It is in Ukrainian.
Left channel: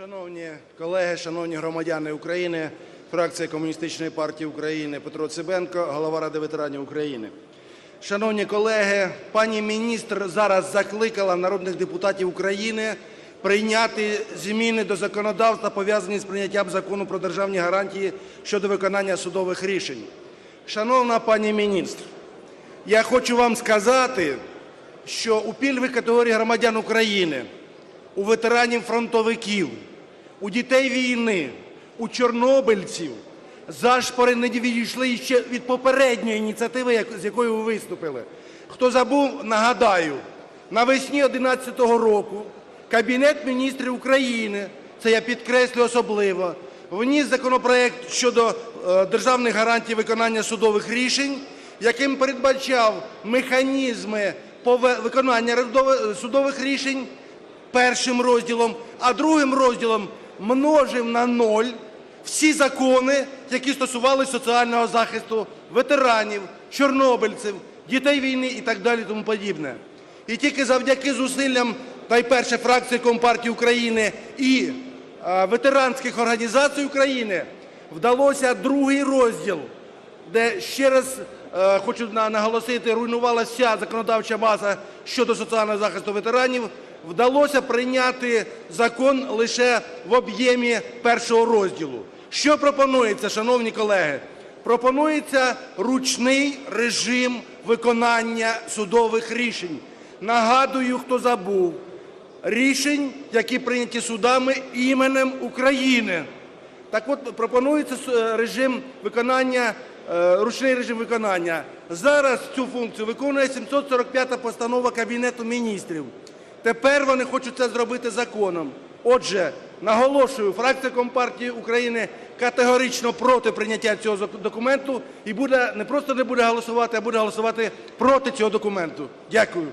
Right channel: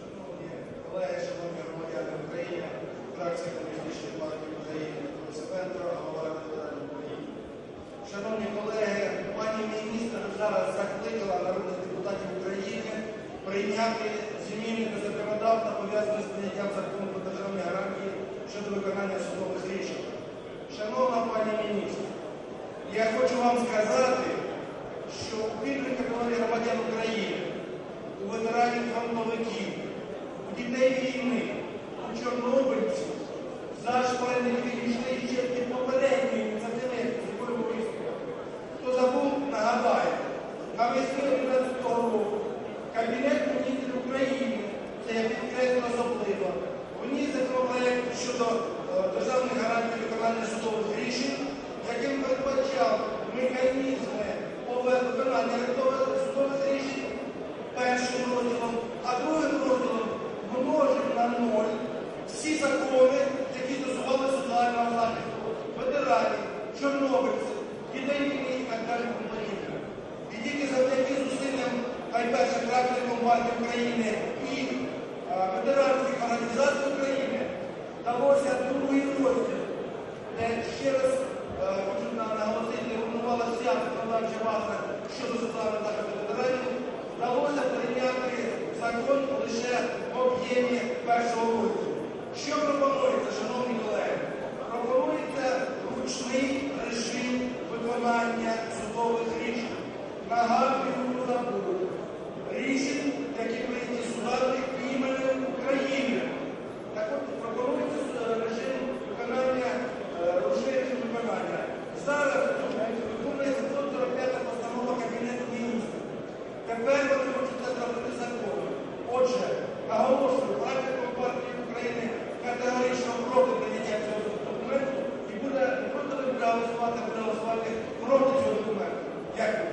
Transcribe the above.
Шановні колеги, шановні громадяни України, фракція Комуністичної партії України Петро Цибенко, голова Ради ветеранів України. Шановні колеги, пані міністр зараз закликала народних депутатів України прийняти зміни до законодавства, пов'язані з прийняттям закону про державні гарантії щодо виконання судових рішень. Шановна пані міністр, я хочу вам сказати, що у пільговій категорії громадян України у ветеранів фронтовиків, у дітей війни, у чорнобильців зашпори не відійшли ще від попередньої ініціативи, з якою ви виступили. Хто забув, нагадаю, навесні 2011 року Кабінет міністрів України, це я підкреслю особливо, вніс законопроект щодо е, державних гарантій виконання судових рішень, яким передбачав механізми виконання судових рішень першим розділом, а другим розділом множив на ноль всі закони, які стосувалися соціального захисту ветеранів, чорнобильців, дітей війни і так далі, тому подібне. І тільки завдяки зусиллям найперше фракції Компартії України і е, ветеранських організацій України вдалося другий розділ де ще раз е, хочу наголосити, руйнувалася законодавча база щодо соціального захисту ветеранів, вдалося прийняти закон лише в об'ємі першого розділу. Що пропонується, шановні колеги? Пропонується ручний режим виконання судових рішень. Нагадую, хто забув, рішень, які прийняті судами іменем України. Так от пропонується е, режим виконання, ручний режим виконання. Зараз цю функцію виконує 745 постанова Кабінету міністрів. Тепер вони хочуть це зробити законом. Отже, наголошую, фракція Компартії України категорично проти прийняття цього документу і буде не просто не буде голосувати, а буде голосувати проти цього документу. Дякую.